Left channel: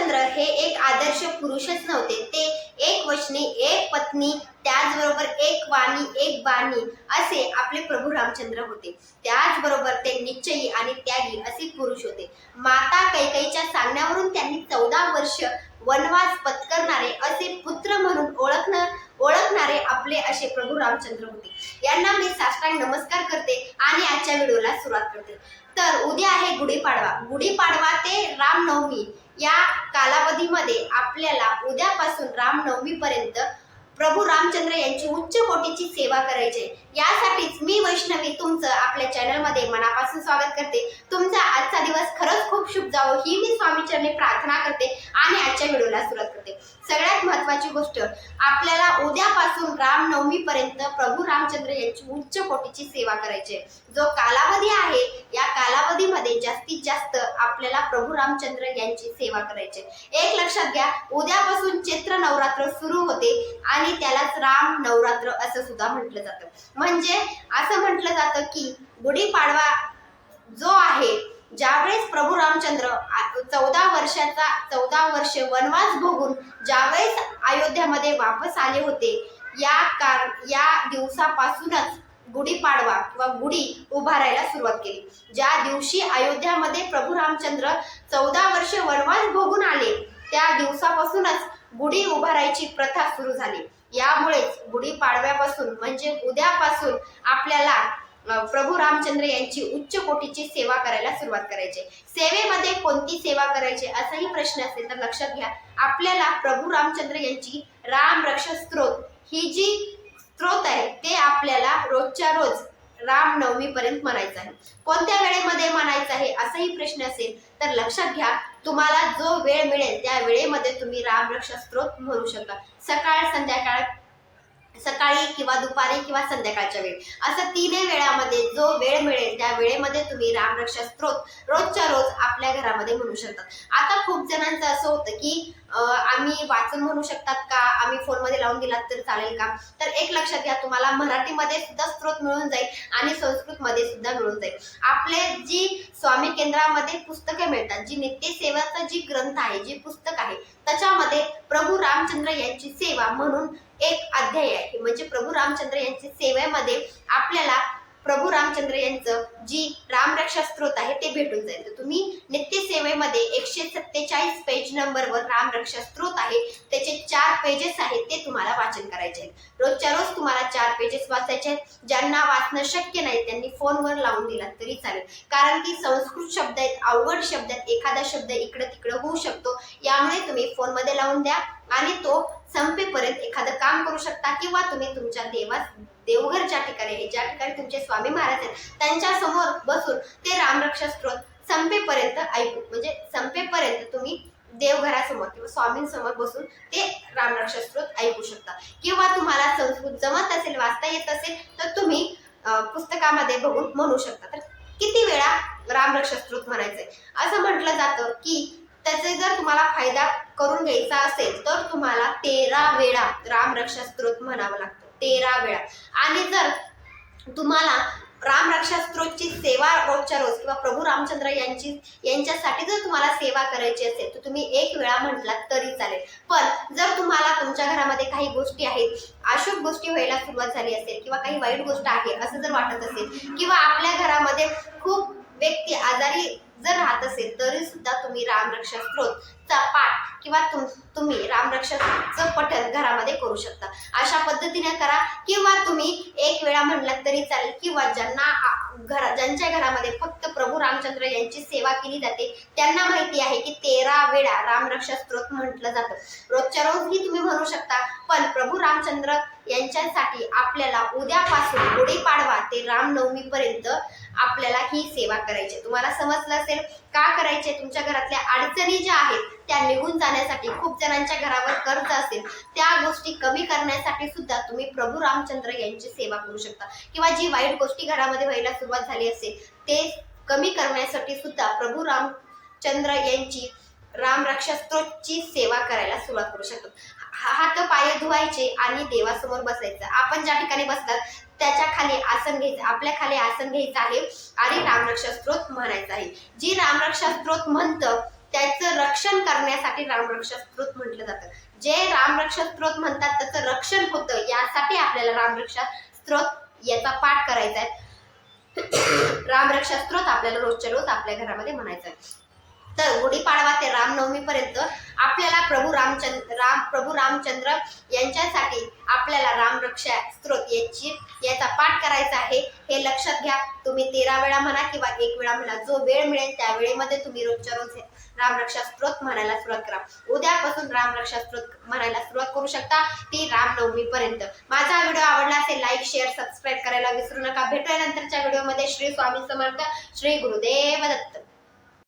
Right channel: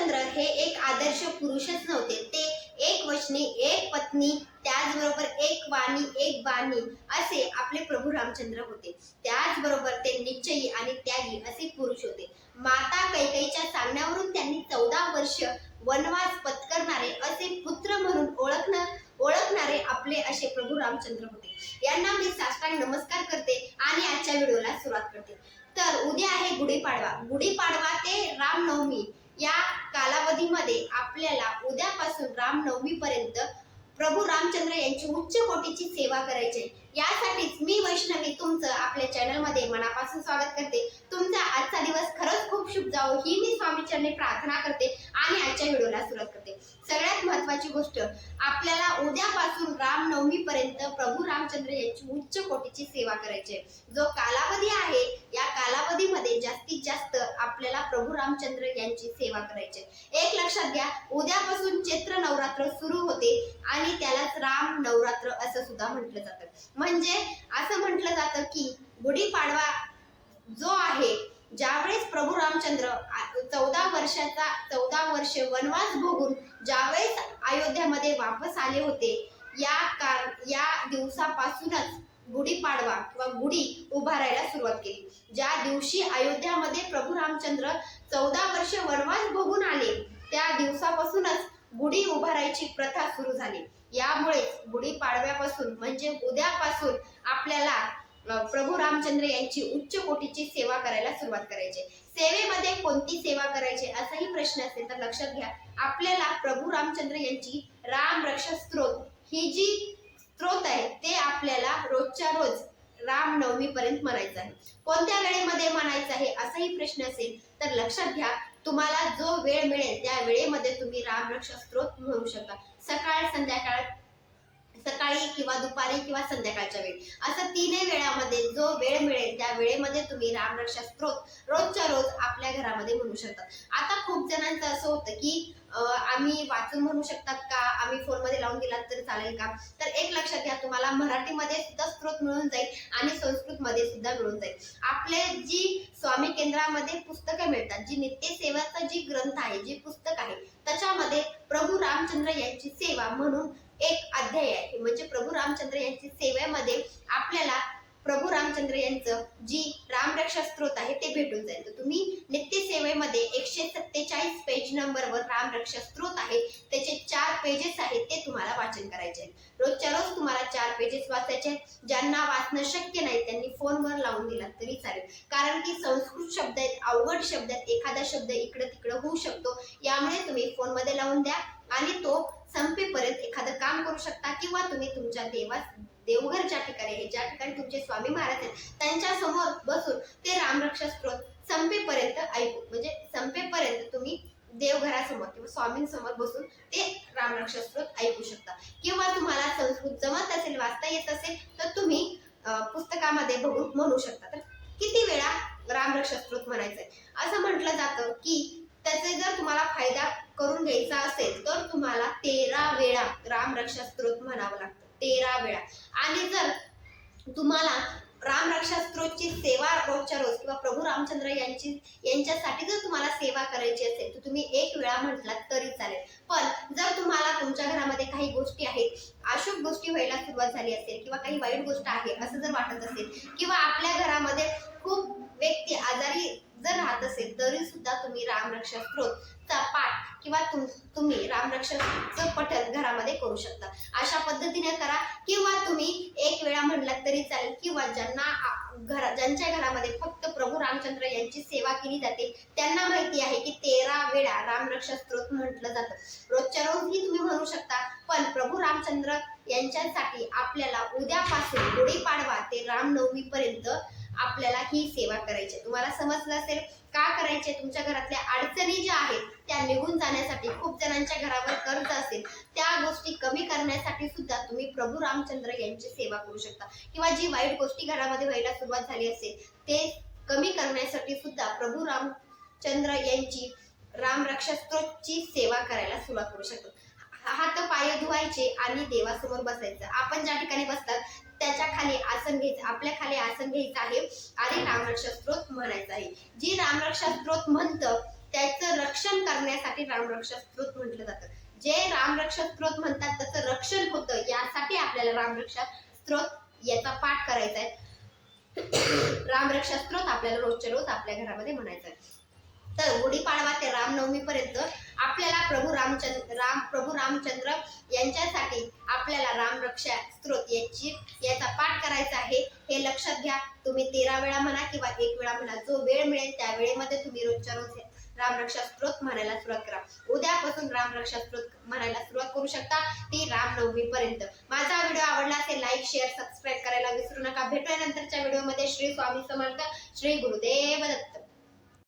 रामचंद्र हे एक आदर्श पुरुषच नव्हते, ते एक वचनी, एक पत्नी, त्याचबरोबर एक वाणी, एक बाणी असे आपले प्रभू रामचंद्र होते. त्याचबरोबर ते निश्चयी आणि त्यागी असे पुरुष होते. माता कैकेयीच्या सांगण्यावरून त्यांनी 14 वर्ष वनवास पत्करणारे असे पुत्र म्हणून ओळखणारे आपले असे प्रभू रामचंद्र होते. यांना मी साष्टांग नमस्कार करते आणि आजच्या व्हिडिओला सुरुवात करते. तर उद्या आहे गुढीपाडवा. गुढीपाडवा ते रामनवमी या कालावधीमध्ये आपल्याला उद्यापासून रामनवमी पर्यंत प्रभू रामचंद्र यांची उच्च कोटीची सेवा करायची. यासाठीच मी वैष्णवी तुमचं आपल्या चॅनलमध्ये मनापासून स्वागत करते. तुमचा आजचा दिवस खरंच खूप शुभ जावो ही मी स्वामीचरणी प्रार्थना करते आणि आजच्या व्हिडिओला सुरुवात करते. सगळ्यात महत्त्वाची गोष्ट, आपल्याला उद्यापासून रामनवमी पर्यंत प्रभू रामचंद्र यांची उच्च कोटीची सेवा करायची आहे. जो कालावधी आहे या कालावधीमध्ये जास्तीत जास्त आपल्याला प्रभू रामचंद्र यांची सेवा करायची. एक लक्षात घ्या, उद्यापासून चैत्र नवरात्र सुरू होते आणि त्यालाच राम नवरात्र असं सुद्धा म्हटलं जातं. म्हणजे असं म्हटलं जातं की गुढीपाडवा जो आहे, ज्यावेळेस प्रभू रामचंद्र 14 वर्ष वनवास भोगून ज्यावेळेस अयोध्यामध्ये वापस आले होते, या दिवसापासूनच गुढीपाडवा किंवा गुढी उभारायला सुरुवात केली. ज्या दिवशी अयोध्यामध्ये प्रभू रामचंद्र 14 वर्ष वनवास भोगून आले, त्या दिवसापासूनच गुढी उभारायची प्रथा सुरू झाली. यामुळेच गुढीपाडव्यापासून म्हणजे उद्यापासून आपल्याला प्रभू रामचंद्र यांची उच्च कोटीची सेवा करायला सुरुवात करायची. सेवेमध्ये कोणती सेवा करायची असाही प्रश्न असेल तर लक्षात घ्या, आपल्याला प्रभू रामचंद्र यांची राम रक्षा स्तोत्र ही जी स्तोत्र आहे ते आपल्याला रोजच्या रोज रामनवमी पर्यंत म्हणायचं आहे. कोणत्या वेळेमध्ये म्हणायचं आहे असाही प्रश्न असेल तर लक्षात घ्या, तुम्हाला जो वेळ मिळेल त्या वेळेमध्ये तुम्ही राम रक्षा स्तोत्र म्हणू शकता. सकाळी किंवा दुपारी किंवा संध्याकाळच्या वेळी असं तीनही वेळामध्ये जो वेळ मिळेल त्या वेळेमध्ये तुम्ही रामरक्षा स्तोत्र रोजच्या रोज आपल्या घरामध्ये म्हणू शकता. आता खूप जणांचं असं होतं की आम्ही वाचून म्हणू शकतात का, आम्ही फोनमध्ये लावून दिलात तर चालेल का? तर एक लक्षात घ्या, तुम्हाला मराठीमध्ये सुद्धा स्तोत्र मिळून जाईल आणि संस्कृतमध्ये सुद्धा मिळून जाईल. आपले जी स्वामी केंद्रामध्ये पुस्तकं मिळतात, जी नित्यसेवाचा जी ग्रंथ आहे, जी पुस्तक आहे, त्याच्यामध्ये प्रभू रामचंद्र यांची सेवा म्हणून एक अध्याय आहे. म्हणजे प्रभू रामचंद्र यांची सेवेमध्ये आपल्याला प्रभू रामचंद्र यांचं जी रामरक्षा स्तोत्र आहे ते भेटून जाईल. तर तुम्ही नित्य सेवेमध्ये 147 पेज नंबरवर रामरक्षा स्तोत्र आहे, त्याचे 4 पेजेस आहेत ते तुम्हाला वाचन करायचे आहेत. रोजच्या रोज तुम्हाला 4 पेजेस वाचायचे आहेत. ज्यांना वाचणं शक्य नाही त्यांनी फोनवर लावून दिला तरी चालेल, कारण की संस्कृत शब्द आहेत, अवघड शब्द आहेत, एखादा शब्द इकडे तिकडे होऊ शकतो. यामुळे तुम्ही फोनमध्ये लावून द्या आणि तो संपेपर्यंत एखादं काम करू शकता, किंवा तुम्ही तुमच्या देवघर ज्या ठिकाणी आहे, ज्या ठिकाणी तुमचे स्वामी महाराज आहेत, त्यांच्या समोर बसून ते रामरक्षा स्तोत्र संपेपर्यंत ऐकू, म्हणजे संपेपर्यंत तुम्ही देवघरासमोर किंवा स्वामींसमोर बसून ते रामरक्षा स्तोत्र ऐकू शकता. किंवा तुम्हाला संस्कृत जमत असेल, वाचता येत असेल तर तुम्ही पुस्तकामध्ये बघून म्हणू शकता. तर किती वेळा रामरक्षा स्तोत्र म्हणायचंय असं म्हटलं जातं की त्याचे जर तुम्हाला फायदा करून घ्यायचा असेल तर तुम्हाला 13 वेळा रामरक्षा स्तोत्र म्हणावं लागतं, 13 वेळा. आणि जर तुम्हाला रामरक्षा स्तोत्रची सेवा रोजच्या रोज किंवा प्रभू रामचंद्र यांच्यासाठी जर तुम्हाला सेवा करायची असेल तर तुम्ही 1 वेळा म्हटलात तरी चालेल. पण जर तुम्हाला तुमच्या घरामध्ये काही गोष्टी आहेत, अशुभ गोष्टी व्हायला सुरुवात झाली असेल किंवा काही वाईट गोष्ट आहे असं जर वाटत असेल, किंवा आपल्या घरामध्ये खूप व्यक्ती आजारी जर राहत असेल तरी सुद्धा तुम्ही रामरक्षा स्तोत्रचा पाठ किंवा तुम्ही रामरक्षाचं पठण घरामध्ये करू शकता. अशा पद्धतीने करा, किंवा तुम्ही 1 वेळा म्हणलात तरी चालेल. किंवा ज्यांच्या घरामध्ये फक्त प्रभू रामचंद्र यांची सेवा केली जाते त्यांना माहिती आहे की 13 वेळा रामरक्षा स्तोत्र म्हटलं जातं. रोजच्या रोजही तुम्ही म्हणू शकता, पण प्रभू रामचंद्र यांच्यासाठी आपल्याला उद्यापासून गुढीपाडवा ते रामनवमी पर्यंत आपल्याला ही सेवा करायची. तुम्हाला समजलं असेल का करायचे. तुमच्या घरातल्या अडचणी ज्या आहेत त्या निघून जाण्यासाठी, खूप जणांच्या घरावर कर्ज असेल त्या गोष्टी कमी करण्यासाठी सुद्धा तुम्ही प्रभू रामचंद्र यांची सेवा करू शकता. किंवा जी वाईट गोष्टी घरामध्ये व्हायला सुरुवात झाली असेल ते कमी करण्यासाठी सुद्धा प्रभू रामचंद्र यांची रामरक्षा स्तोत्रची सेवा करायला सुरुवात करू शकतो. हात पाय धुवायचे आणि देवासमोर बसायचं. आपण ज्या ठिकाणी बसतात त्याच्या खाली आसन घ्यायचं, आपल्या खाली आसन घ्यायचं आहे आणि रामरक्षा स्तोत्र म्हणायचं आहे. जी रामरक्षा स्तोत्र म्हणतं त्याचं रक्षण रक्षण करण्यासाठी रामरक्षा स्तोत्र म्हटलं जातं. जे रामरक्षा स्तोत्र म्हणतात त्याचं रक्षण होतं, यासाठी आपल्याला रामरक्षा स्तोत्र याचा पाठ करायचा आहे. रामरक्षा स्तोत्र आपल्याला रोजच्या रोज आपल्या घरामध्ये म्हणायचं आहे. तर गुढीपाडवा ते रामनवमी पर्यंत आपल्याला प्रभू रामचंद्र यांच्यासाठी आपल्याला रामरक्षा स्तोत्र याचा पाठ करायचा आहे. हे लक्षात घ्या. तुम्ही 13 वेळा म्हणा किंवा 1 वेळा म्हणा, जो वेळ मिळेल त्या वेळेमध्ये तुम्ही रोजच्या रोज रामरक्षा स्तोत्र म्हणायला सुरुवात करा. उद्यापासून रामरक्षा स्तोत्र म्हणायला सुरुवात करू शकता, ती रामनवमी पर्यंत. माझा व्हिडिओ आवडला असेल लाईक शेअर सबस्क्राईब करायला विसरू नका. भेटूया नंतरच्या व्हिडिओमध्ये. श्री स्वामी समर्थ. श्री गुरुदेव दत्त.